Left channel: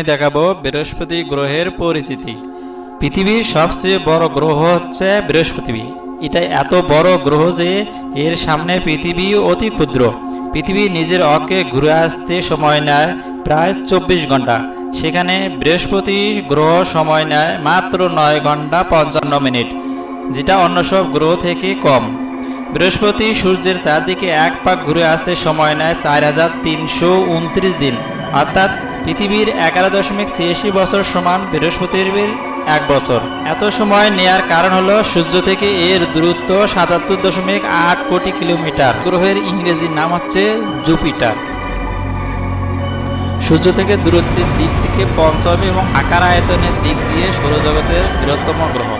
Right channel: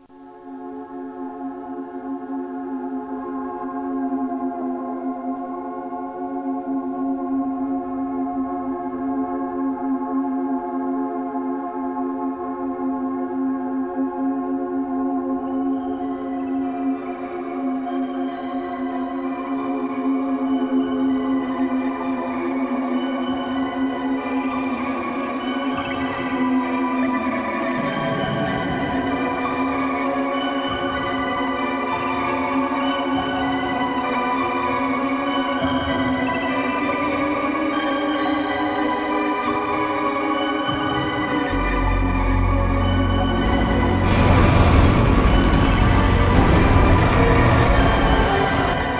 আমি দেখাবো বৃহস্পতি গ্রহের পরিচিতি। পৃথিবীর সবচেয়ে বড় গ্রহ হচ্ছে বৃহস্পতি। এটা এত বড় গ্রহ যে এর সামনে পৃথিবী অতি ক্ষুদ্র। পৃথিবী নিজের অক্ষে ঘুরে আসতে সময় নেয় প্রায় 24 ঘন্টা, সেখানে বৃহস্পতি গ্রহ সময় নেয় মাত্র 9 ঘন্টা 55 মিনিট, যেটা অন্য সব গ্রহ থেকে কম। বৃহস্পতি সূর্যের চারদিকে এক পাক ঘুরে আসতে সময় নেয় 4329 দিন, অর্থাৎ পৃথিবীর 11.86 বছর সমান বৃহস্পতির 1 বছর। এত সময় নেয়ার কারণ হলো সূর্য থেকে এর দূরত্ব 77.8 কোটি কিলোমিটার। গ্রহের ইংরেজি নাম হচ্ছে জুপিটার। সূর্য থেকে দূরত্বের দিক থেকে পঞ্চম এবং আকার আয়তনের দিক দিয়ে সৌরজগতের বৃহত্তম গ্রহ।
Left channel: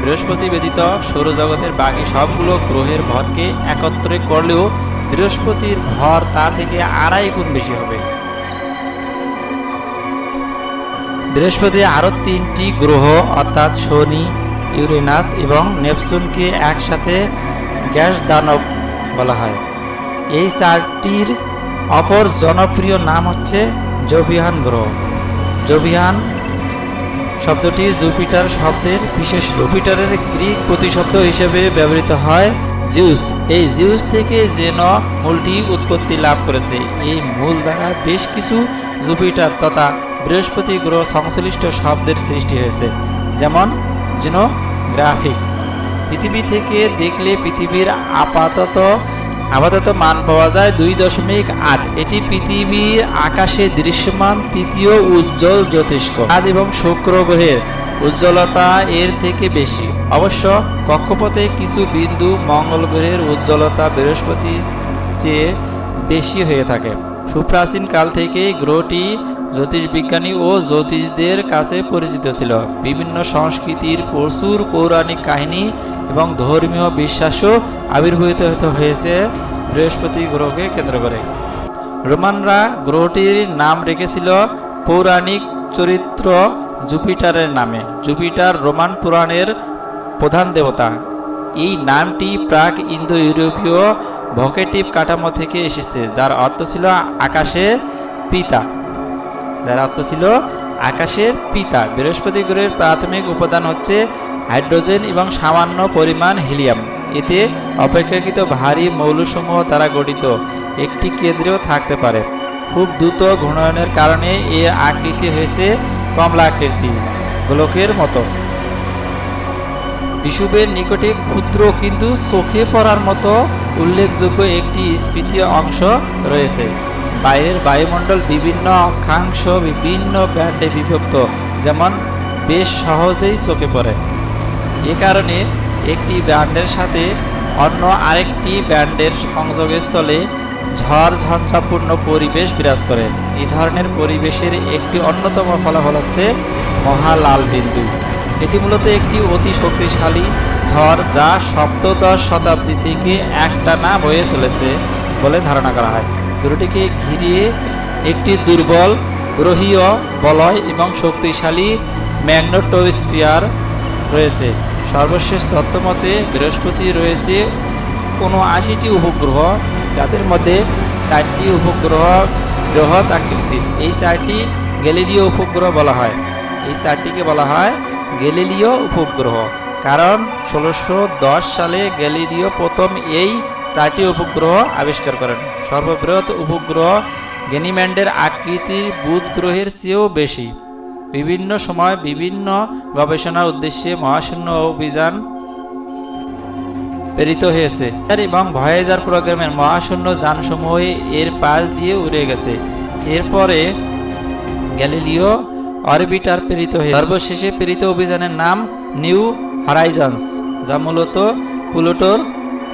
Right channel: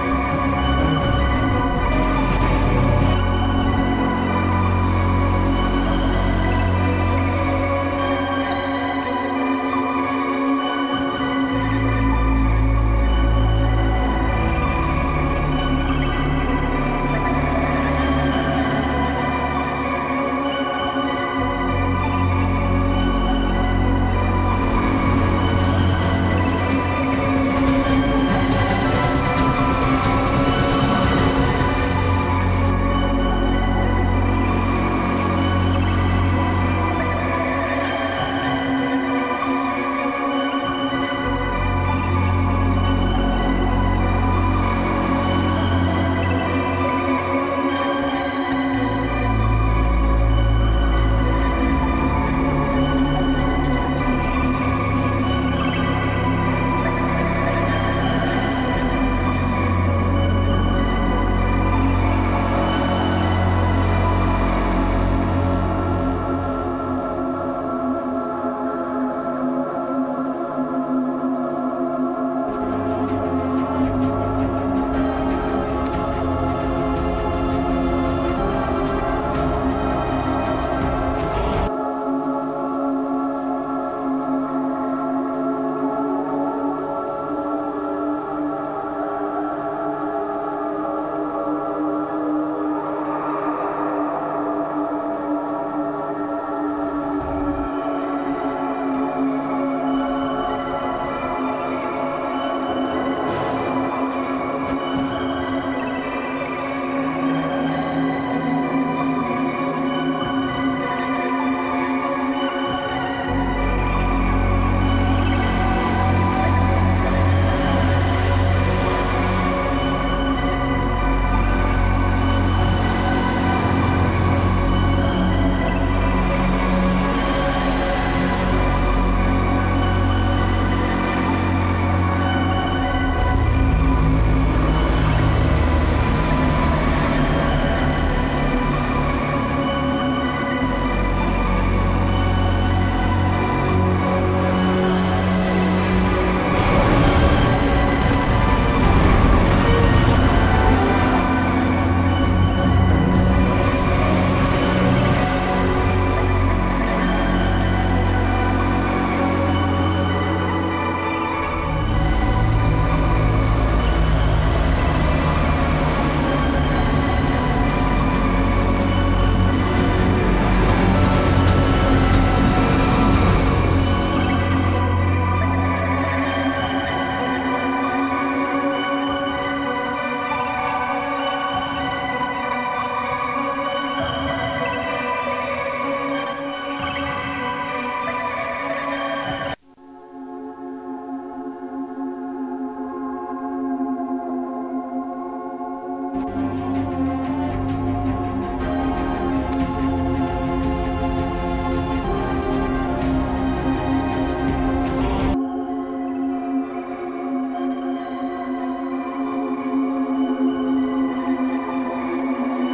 বৃহস্পতি ব্যতীত সৌরজগতের বাকি সবগুলো গ্রহের ভরকে একত্রে করলেও বৃহস্পতির ভর তা থেকে 2.5 গুণ বেশি হবে। বৃহস্পতি আরও 3টি গ্রহ অর্থাৎ শনি, ইউরেনাস এবং নেপচুনকে একসাথে গ্যাস দানব বলা হয়। এই 4টির অপর জনপ্রিয় নাম হচ্ছে জোভিয়ান গ্রহ। জোভিয়ান শব্দটি জুপিটার শব্দের বিশেষ। জুপিটারের গ্রিক প্রতিশব্দ হিসেবে ব্যবহৃত হয় জিউস। এই জিউস থেকে যেন মূলটি উৎপত্তি লাভ করেছে। এই মূল দ্বারা বেশ কিছু জুপিটার তথা বৃহস্পতি গ্রহ সংশ্লিষ্ট শব্দের সৃষ্টি হয়েছে, যেমন জিনোগ্রাফিক। পৃথিবী থেকে দেখলে পৃথিবীর আপাতত মান পাওয়া যায় 2.8। এটি পৃথিবীর আকাশে দৃশ্যমান তৃতীয় উজ্জ্বল জ্যোতিষ্ক। চাঁদ এবং শুক্র গ্রহের উজ্জ্বলতা এর থেকে বেশি। অবশ্য কক্ষপথে কিছু বিন্দু মঙ্গল গ্রহের উজ্জ্বলতা বৃহস্পতির চেয়ে বেশি হয়ে থাকে। সুপ্রাচীন কাল থেকেই গ্রহটি জ্যোতিষবিজ্ঞানী ও জ্যোতিষদের কাছে পরিচিত ছিল। বিভিন্ন সংস্কৃতির প্রচুর পৌরাণিক কাহিনী এবং ধর্মীয় বিশ্বাসও আবির্ভূত হয়েছে বৃহস্পতি গ্রহকে কেন্দ্র করে। রোমানরা গ্রহটির নাম রেখেছিল পৌরাণিক চরিত্র জুপিটারের নামে। জুপিটার রোমান পুরাণের প্রধান দেবতা। এই নামটি প্রাক ইন্দো ইউরোপীয় ভোকেটিভ কাঠামো থেকে এসেছে, যার অর্থ ছিল আকাশের পিতা। বৃহস্পতি গ্রহের প্রাথমিক উপাদান হচ্ছে হাইড্রোজেন এবং সামান্য পরিমাণ হিলিয়াম। এতে অপেক্ষাকৃত ভারী মৌলসমূহ দ্বারা গঠিত একটি কেন্দ্রেও থাকতে পারে। খুব দ্রুত ঘূর্ণনের কারণে এর আকৃতি হয়েছে কমলাকৃতি গোলকের মতো। বিষুবের নিকটে ক্ষুদ্র কিন্তু চোখে পড়ার মতো উল্লেখযোগ্য একটি স্ফীতীয় অংশ রয়েছে। বাইরের বায়ুমণ্ডল বিভিন্ন অক্ষাংশ বিভিন্ন ব্যান্ডে বিভক্ত, যেমন বেশ সহজেই চোখে পড়ে। এ কারণে একটি ব্যান্ডের সাথে অন্য আরেকটি ব্যান্ডের সংযোগস্থলে ঝড়ঝঞ্ঝাপূর্ণ পরিবেশ বিরাজ করে। এ ধরনের পরিবেশের একটি অন্যতম ফলাফল হচ্ছে মহালাল বিন্দু। এটি মূলত একটি অতি শক্তিশালী ঝড়, যা সপ্তদশ শতাব্দী থেকে একটানা বয়ে চলেছে বলে ধারণা করা হয়। গ্রহটিকে ঘিরে একটি দুর্বল গ্রহীয় বলয় এবং শক্তিশালী ম্যাগনেটোস্ফিয়ার রয়েছে। সর্বশেষ তথ্যমতে বৃহস্পতি রয়েছে 79টি উপগ্রহ, যাদের মধ্যে 4টি উপগ্রহ বৃহৎ আকৃতির। এই 4টি গ্যালিলিও উপগ্রহ বলা হয়। এই 4টিকে বলা হয় গ্যালিলিও উপগ্রহ, কারণ 1610 সালে গ্যালিলিও প্রথম এই 4টি উপগ্রহ আবিষ্কার করেন। সর্ববৃহৎ উপগ্রহ গ্যানিমেডের আকৃতি বুধ গ্রহের চেয়েও বেশি। বিভিন্ন সময় বিভিন্ন গবেষণার উদ্দেশ্যে মহাশূন্য অভিযান প্রেরিত হয়েছে এবং ভয়েজার প্রোগ্রামের মহাশূন্য যানসমূহ এর পাশ দিয়ে উড়ে গেছে। এরপরে গ্যালিলিও অরবিটার প্রেরিত হয়েছে। সর্বশেষে প্রেরিত অভিযানের নাম নিউ হরাইজন্স, যা মূলত প্লুটোর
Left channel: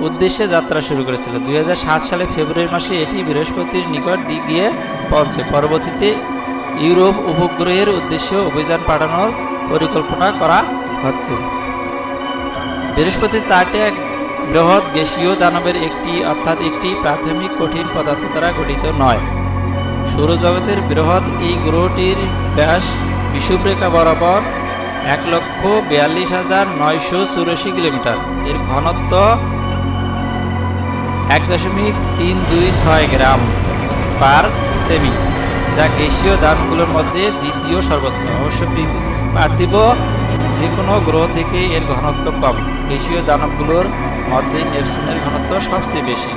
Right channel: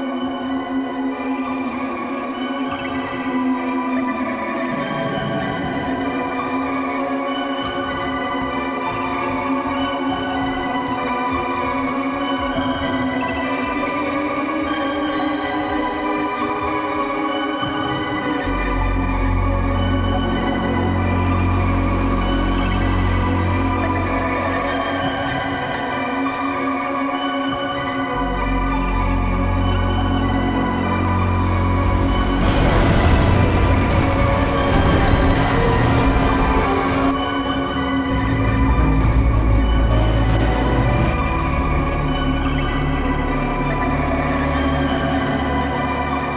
উদ্দেশ্যে যাত্রা শুরু করেছিল। 2007 সালে ফেব্রুয়ারি মাসে এটি বৃহস্পতির নিকট গিয়ে পৌঁছে। পরবর্তীতে ইউরোপ উপগ্রহের উদ্দেশ্যে অভিযান পাঠানোর পরিকল্পনা করা হচ্ছে। বৃহস্পতি 4টি বৃহৎ গ্যাসীয় দানবের একটি, অর্থাৎ একটি প্রাথমিক কঠিন পদার্থ দ্বারা গঠিত নয়। সৌরজগতের বৃহৎ এই গ্রহটির ব্যাস বিষুবরেখা বরাবর 1,42,984 কিলোমিটার। এর ঘনত্ব 1.326 গ্রাম পার সেমি। যা গ্যাসীয় দানবগুলোর মধ্যে দ্বিতীয় সর্বোচ্চ। অবশ্য পার্থিব যে কোনো গ্রহ থেকে এর ঘনত্ব কম। গ্যাসীয় দানবগুলোর মধ্যে নেপচুনের ঘনত্ব সবচেয়ে বেশি।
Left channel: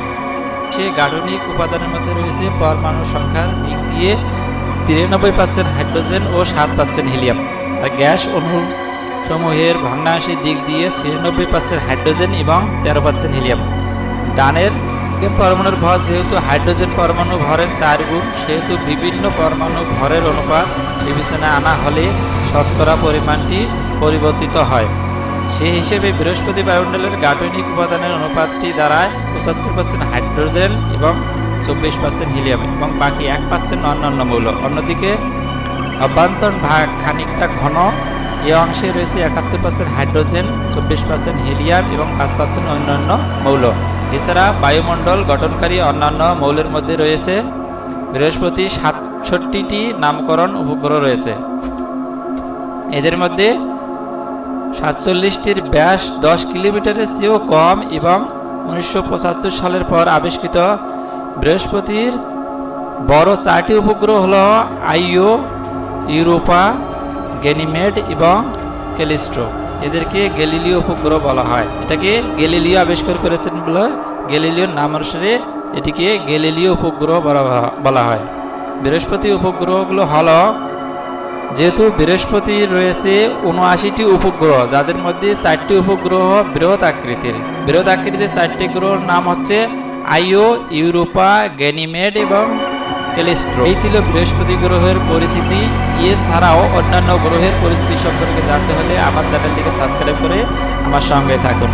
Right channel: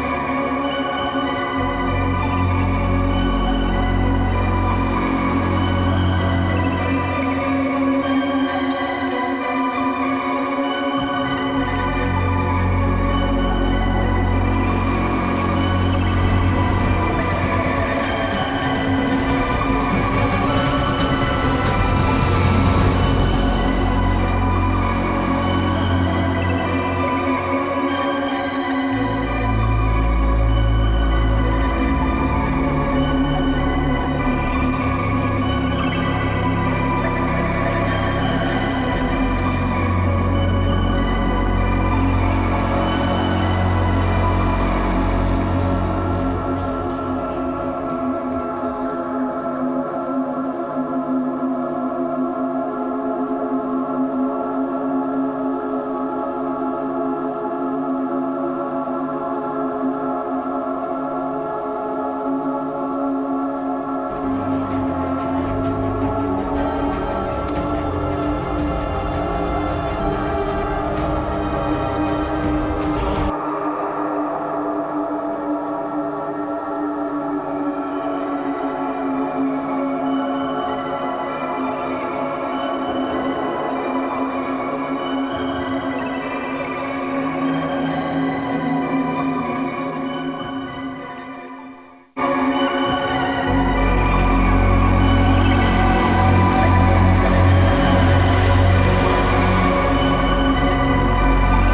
সে গাঠনিক উপাদানের মধ্যে রয়েছে পরমাণু সংখ্যার দিক দিয়ে 93% হাইড্রোজেন ও 7% হিলিয়াম, আর গ্যাস অণু সমূহের ভগ্নাংশের দিক দিয়ে 96% হাইড্রোজেন এবং 13% হিলিয়াম। ডানের পরমাণুর ভর যেহেতু হাইড্রোজেন পরমাণু ভরের 4 গুণ, সেহেতু বিভিন্ন পরমাণু ভরের অনুপাত বিবেচনায় আনা হলে শতকরা পরিমাণটি পরিবর্তিত হয়। সেই হিসেবে বৃহস্পতি বায়ুমণ্ডলের গাঠনিক উপাদানের অনুপাতটি দাঁড়ায় 75% হাইড্রোজেন এবং 24% হিলিয়াম এবং বাকি 1% অন্যান্য মৌল। অন্যদিকে অভ্যন্তর ভাগ খানিকটা ঘন। এই অংশে রয়েছে 71% হাইড্রোজেন, 24% হিলিয়াম এবং 5% অন্যান্য মৌল। এছাড়া বায়ুমণ্ডল গঠনকারী অন্যান্য মৌলের মধ্যে রয়েছে বৃহস্পতির 67টি নামকরণ উপগ্রহ রয়েছে। এদের মধ্যে 47টির ব্যাস 10 কিলোমিটারের চেয়েও কম এবং 1975 সালের পর আবিষ্কৃত বৃহস্পতির বড় 4টি উপগ্রহ হল আইও, ইউরোপা, গ্যানিমেড এবং ক্যালিস্টো। এদেরকে গ্যালিলিও উপগ্রহ বলা হয়। এটাকে গ্যালিলিও আবিষ্কার করেছেন বলে গ্যালিলিওর নাম অনুসারে এটিকে গ্যালিলিও উপগ্রহ বলা হয়। বৃহস্পতি উপগ্রহগুলো হল, যেহেতু বৃহস্পতির রয়েছে 79টি উপগ্রহ, যাদের মধ্যে 4টি উপগ্রহ বৃহৎ আকৃতির। বৃহৎ আকৃতির 4টি গ্রহের নাম হচ্ছে আইও, ইউরোপা, গ্যানিমেড এবং ক্যালিস্টো। এই ছিল বৃহস্পতি গ্রহের পরিস্থিতি। এছাড়াও অন্যান্য গ্রহের পরিস্থিতি সম্পর্কে জানতে হলে আমার চ্যানেলটিকে সাবস্ক্রাইব করে আমার সঙ্গে থাকুন।